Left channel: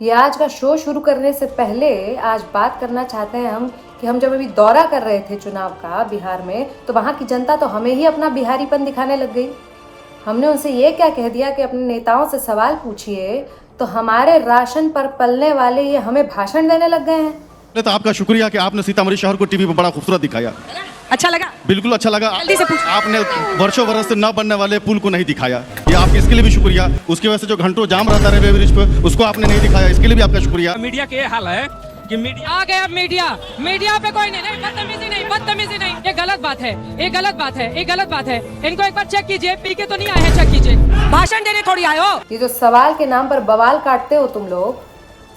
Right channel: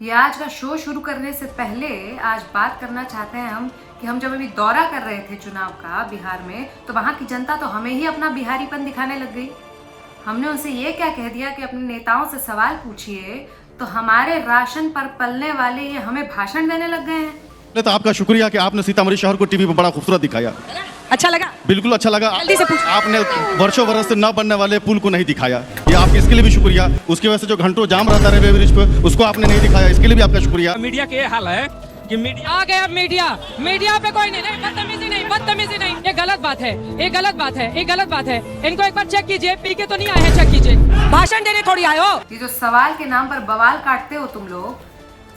ये आज का शो शुरू करने से पहले आज बात करना चाहते हैं हम कि हम जब अभी दौरा कर रहे थे चुनाव का बिहार में, तो वहाँ की जनता तो हमें ही अपना बिहारीपन दिखाने लग गई। हमने उनसे ये क्या कह दिया कि अपने नेताओं से सवाल पूछिए, तो हमारे राशन पर पलने वाले ये हमें भाषण देने लग गए हैं। तो आपका शुक्रिया कि आपने सीतामढ़ी शहर को टीवी पर बड़ा खूबसूरत दिखाया। अच्छा लगा? बिल्कुल अच्छा लगा। जल्दी से पूछ। आपने वर्षों वर्ष से न बनने वाले पुल को नहीं दिखाया, ये आपके इसके लिए भी शुक्रिया। उसकी वजह से जो घंटों जाम रहता रेलवे ब्रिज पे, उसको आपने नहीं दिखाया, इसके लिए भी आपका शुक्रिया। मीडिया के ये हाल है कि मीडिया आ गया। मीडिया पे कोई नहीं, बदतमीजी नहीं, ये गलत बात है, ये गलत बात है। इनको एक बार चेक कीजिए, पी के तो नहीं आए हैं, चेक कीजिए। भाषण देने थोड़ी आए हो। ये जो सवाल के नाम पर बवाल काटते हो तुम लोग,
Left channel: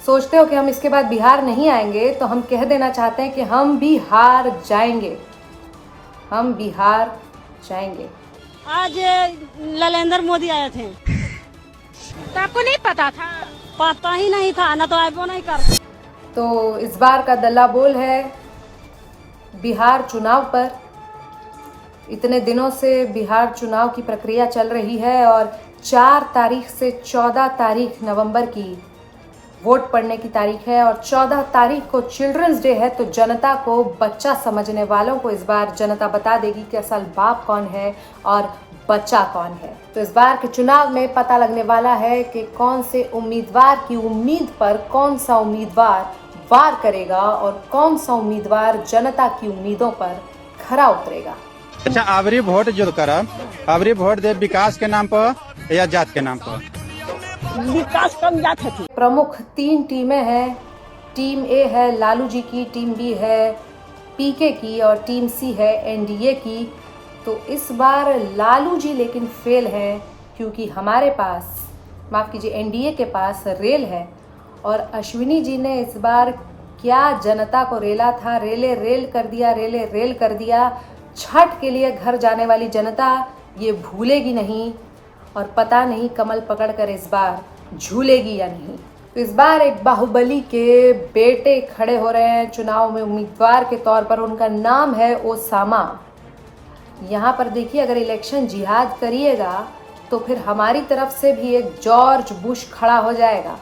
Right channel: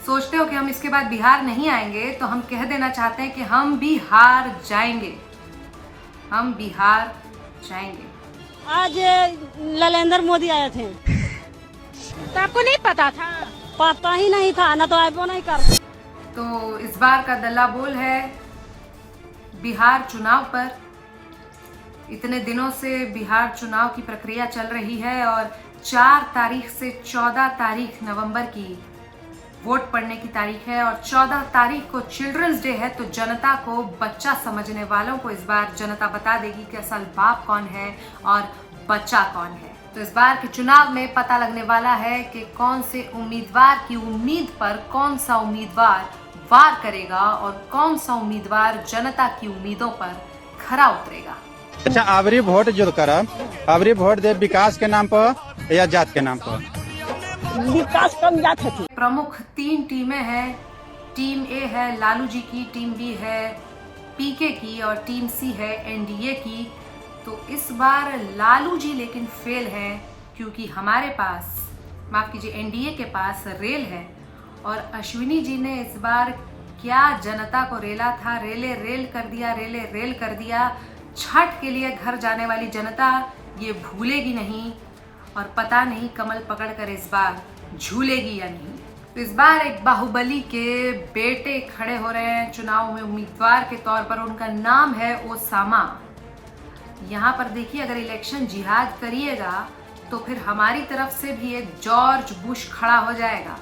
सोचते हो कि हम इसके बाद बिहार नहीं आएंगे, तो हम कह देना चाहते हैं कि हम भी हार जाएंगे, हम बिहार जाएंगे। आज नरेंद्र मोदी आए थे, तो आपको नहीं पता था? पता ही नहीं था ना, तो आए नहीं कर। तो इस बार का दल्ला बोल है बिहार चुनाव पर। इतने दिनों से बिहार चुनाव की प्रक्रिया चल रही है और 4 तारीख से 14 तारीख नवंबर की वोट पड़ने की तारीख है, और 14 तारीख को चिल्ड्रंस डे है। तो जनता को, बच्चा समझने वालों को इस बार जनता बता देगी कि असल बाप कौन है और बच्चा कौन है। तो इस बार के चुनाव में पता लगने वाला है कि कौन से उम्मीदवार की उम्मीद पर कौन सा उम्मीदवार वार करेगा और कौन सा उम्मीदवार जनता की उम्मीदों पर खरा उतरेगा। अच्छा, आवरी वोट जो करब, आवरी वोट दे विकास के नाम पर या जात के नाम पर? विकास कम जात है। प्रमुख 3 टीमें हैं। टीम ए है लालू जी की, टीम बी है पीके की और टीम सी है एनडीए की। तो इस बार लालू जी लेकिन फेल हैं, क्योंकि हमारे पास, माफ़ कीजिए, एनडीए के पास रेल है। और अश्विनी जी ने इस बार क्या जनता को रेला था, रेले रेल कर दिया। छठ के लिए घर जाने वाली जनता ये भूलेगी नहीं, और पता नहीं कमल पकड़कर इस बार झूलेगी या नहीं। तो इस बार एक बाहुबली के बेटे खड़े हो रहे हैं चुनाव में उम्मीदवार के तौर पर। उनका नाम है ओसामा। यहाँ पर देखिए, अगर इलेक्शन जिहाद करिएगा तो फिर हमारी तरफ से भी एक जॉर्ज बुश खड़ा हो जाएगा।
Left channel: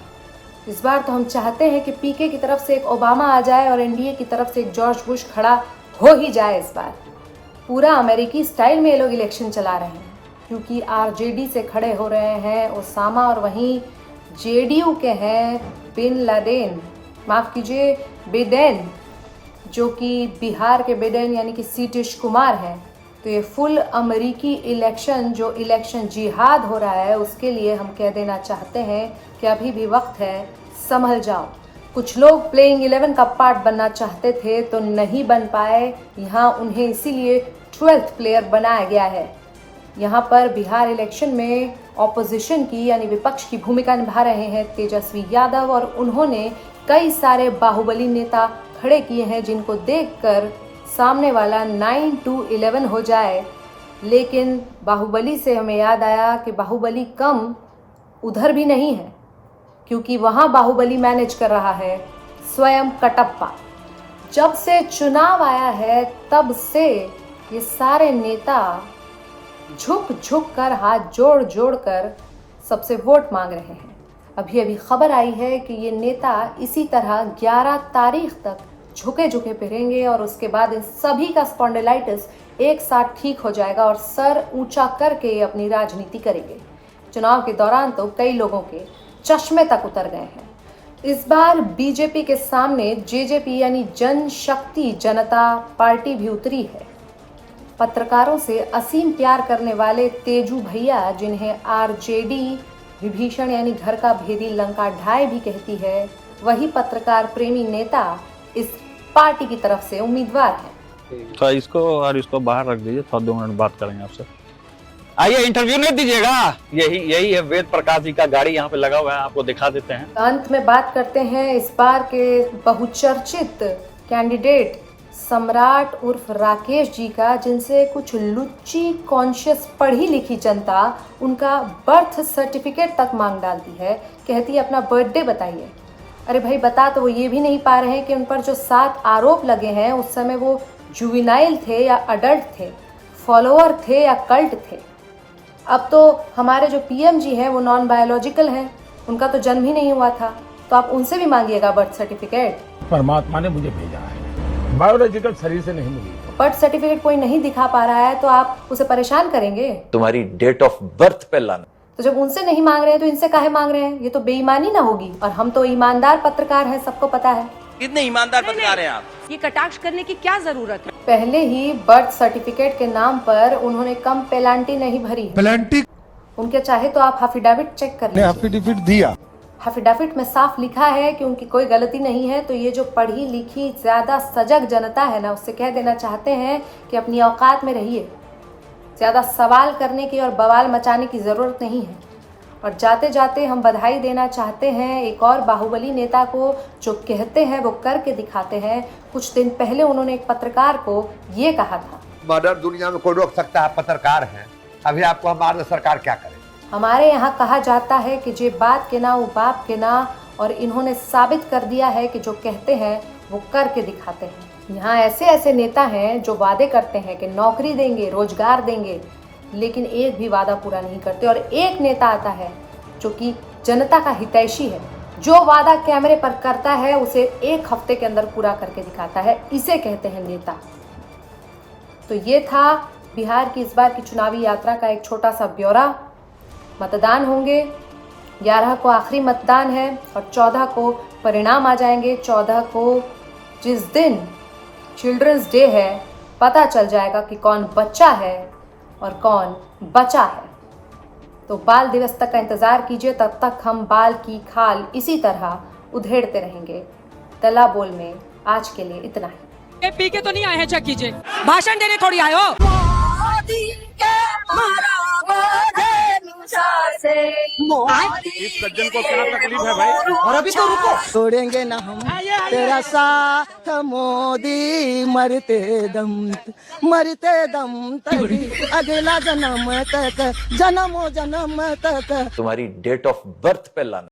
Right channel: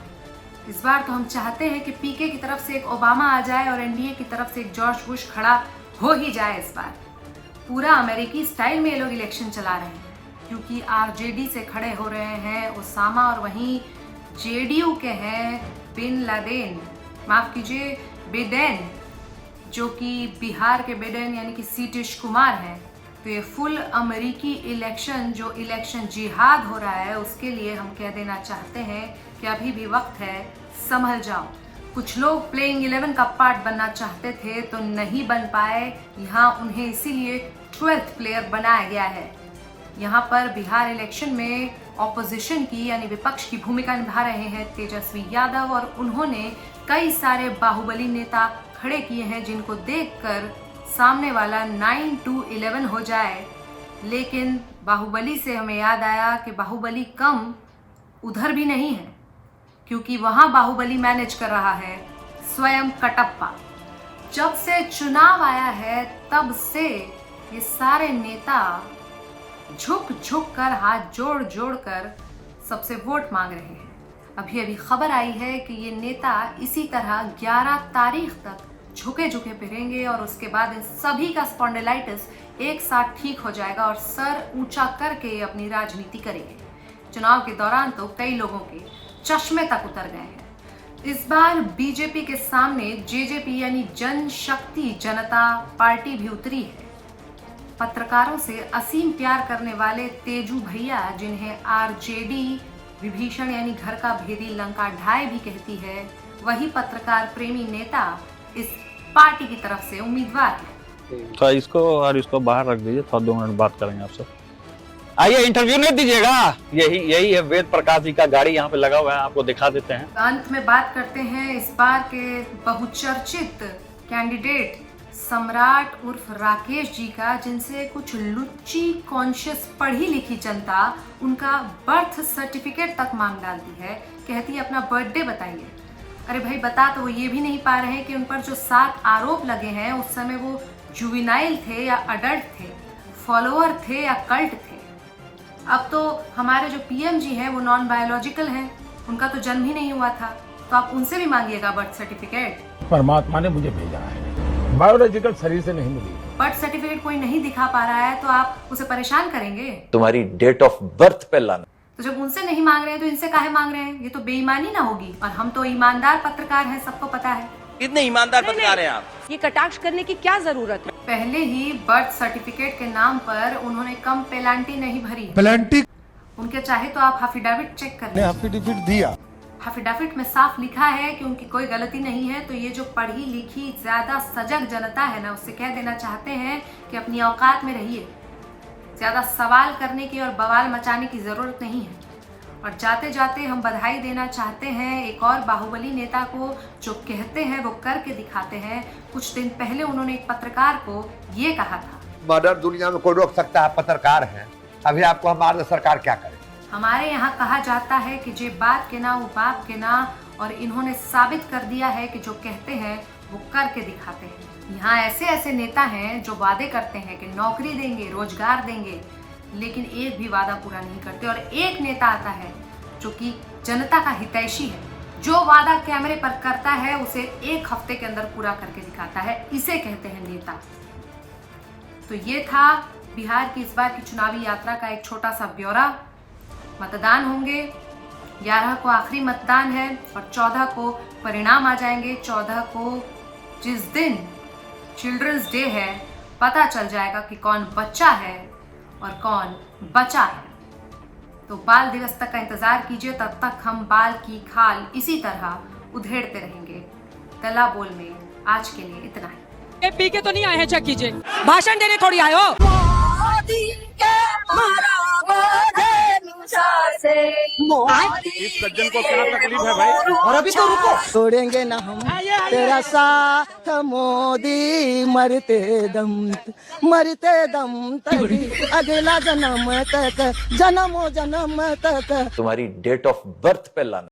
इस बार तो हम चाहते हैं कि पीके की तरफ से एक ओबामा आ जाए और एनडीए की तरफ से एक जॉर्ज बुश खड़ा हो ही जाए। इस बार पूरा अमेरिकी स्टाइल में ये लोग इलेक्शन चला रहे हैं, क्योंकि आरजेडी से खड़े हो रहे हैं ओसामा, और वहीं जेडीयू के हैं बिडेन, जो कि बिहार के बिडेन यानी कि नीतीश कुमार हैं। तो ये फुल अमेरिकी इलेक्शन, जो इलेक्शन जिहाद हो रहा है, उसके लिए हम कह देना चाहते हैं कि अभी भी वक्त है, संभल जाओ। कुछ लोग प्लेइंग 11 का पार्ट बनना चाहते थे तो नहीं बन पाए। यहाँ उन्हें इसीलिए 12th प्लेयर बनाया गया है। यहाँ पर बिहार इलेक्शन में ऑपोजिशन की यानी विपक्ष की भूमिका निभा रहे हैं तेजस्वी यादव, और उन्होंने कई सारे बाहुबली नेता खड़े किए हैं जिनको देखकर सामने वाला 9-11 हो जाए। लेकिन बाहुबली से हमें याद आया कि बाहुबली कम उधर भी नहीं है, क्योंकि वहाँ बाहुबली मैनेज कर रहा है स्वयं कटप्पा। जब से चुनाव आया है तब से ये सारे नेता झुक झुक कर, हाथ जोड़ जोड़ कर सबसे वोट मांग रहे हैं। अभी खबर आई है कि ये नेता इसी तरह 11 तारीख तक झुके झुके फिरेंगे, और उसके बाद इन सभी का स्पॉन्डिलाइटिस एक साथ ठीक हो जाएगा और सर ऊंचा करके ये अपनी राजनीति करेंगे। चुनाव के दौरान तो कई लोगों के चश्मे तक उतर गए हैं। इस बार बीजेपी के सामने जेजेपी यानी जनशक्ति जनता पार्टी भी उतरी है। पत्रकारों से असीम प्यार करने वाले तेजू भैया, जिन्हें आरजेडी विभीषण यानी घर का भेदी लंका ढाई भी कहती है, वही पत्रकार प्रेमी नेता इस पार्टी की तरफ से उम्मीदवार है। तो इसको बाहर रख दीजिए, थोड़ा 2 मिनट बात करेंगे आपसे। आइए, इंटरव्यू नहीं दीजिएगा। यही है वेद प्रकाश जी का गाड़ी यहाँ पे लगा हुआ है, आपको दिखा देते हैं। अंत में बात करते हैं इस बार के बहुचर्चित कैंडिडेट सम्राट उर्फ राकेश जी का, जिनसे कुछ लुच्ची कॉन्शियस पढ़ी लिखी जनता उनका बर्थ सर्टिफिकेट तक मांग डालती है। कहती है अपना बर्थडे बताइए। अरे भाई, बता तो वो ये भी नहीं पा रहे हैं कि उन पर जो 7 आरोप लगे हैं उस समय वो जुवेनाइल थे या अडल्ट थे, फॉलोअर थे या कल्ट थे। अब तो हमारे जो पीएम जी हैं वो नॉन बायोलॉजिकल हैं, उनका तो जन्म ही नहीं हुआ था। तो आप उनसे भी मांगिएगा बर्थ सर्टिफिकेट। परमात्मा ने मुझे भेजा है, बायोलॉजिकल शरीर से नहीं मिली। बर्थ सर्टिफिकेट कोई नहीं दिखा पा रहा है तो आप उसे परेशान करेंगे। तुम्हारी डेट ऑफ बर्थ पे लाना। तो जब उनसे नहीं मांग रहे हैं तो इनसे काहे मांग रहे हैं? ये तो बेईमानी ना होगी। और हम तो ईमानदार पत्रकार हैं, सबको पता है। कितने ईमानदार पत्रकार हैं आप? ये कटाक्ष करने की क्या जरूरत है? पहले ही बर्थ सर्टिफिकेट के नाम पर उन्होंने कम पेनाल्टी नहीं भरी। पेनाल्टी उनके चाहे तो आप अफिडेविट चेक कर लें। एफिडेविट दिया, अफिडेविट में साफ लिखा है कि उनकी कोई गलती नहीं है। तो ये जो पढ़ी लिखी ज्यादा सजग जनता है ना, उससे कह देना चाहते हैं कि अपनी औकात में रहिए। ज्यादा सवाल करने की और बवाल मचाने की जरूरत नहीं है। और जाते जाते हम बधाई देना चाहते हैं एक और बाहुबली नेता को, जो कहते हैं वो करके दिखाते हैं। कुछ दिन पहले उन्होंने एक पत्रकार को ये कहा था, मर्डर दुनिया में कोई रोक सकता है, पत्रकार हैं, अभी आपको हमारे सरकार क्या करे। हमारे यहाँ कहा जाता है कि जे बात के ना वो बाप के ना, और इन्होंने साबित कर दिया है कि जो कहते हैं वो करके दिखाते हैं। यहाँ ऐसे ऐसे नेता हैं जो वादे करते हैं कि नौकरी देंगे, रोजगार देंगे, लेकिन एक भी वादा पूरा नहीं करते। और एक नेता आता है जो कि जनता का हितैषी है, जो वादा कैमरे पर करता है उसे एक हफ्ते के अंदर पूरा करके दिखाता है। इसे कहते हैं नेता। तो ये था बिहार की इस बार की चुनावी यात्रा का एक छोटा सा ब्यौरा। मतदान होंगे, 11 को आखिरी मतदान है और 14 को परिणाम आ जाएंगे। 14 को जिस दिन चिल्ड्रंस डे है, पता चल जाएगा कि कौन बच्चा है और कौन बचा है। तो बाल दिवस तक का इंतजार कीजिए, तब तक हम बाल की खाल इसी तरह उधेड़ते रहेंगे। तला बोल में आज के लिए इतना ही। ये पी के तो नहीं आए हैं, चेक कीजिए। भाषण देने थोड़ी आए हो। इस सज्जन को क्या तकलीफ है भाई? और अभी तो रुको। छोड़ेंगे ना हम तेरा साथ मोदी, मरते दम तक, अगला जन्म तक, जन्मों जन्म तक। तुम्हारी डेट ऑफ बर्थ पे लाना।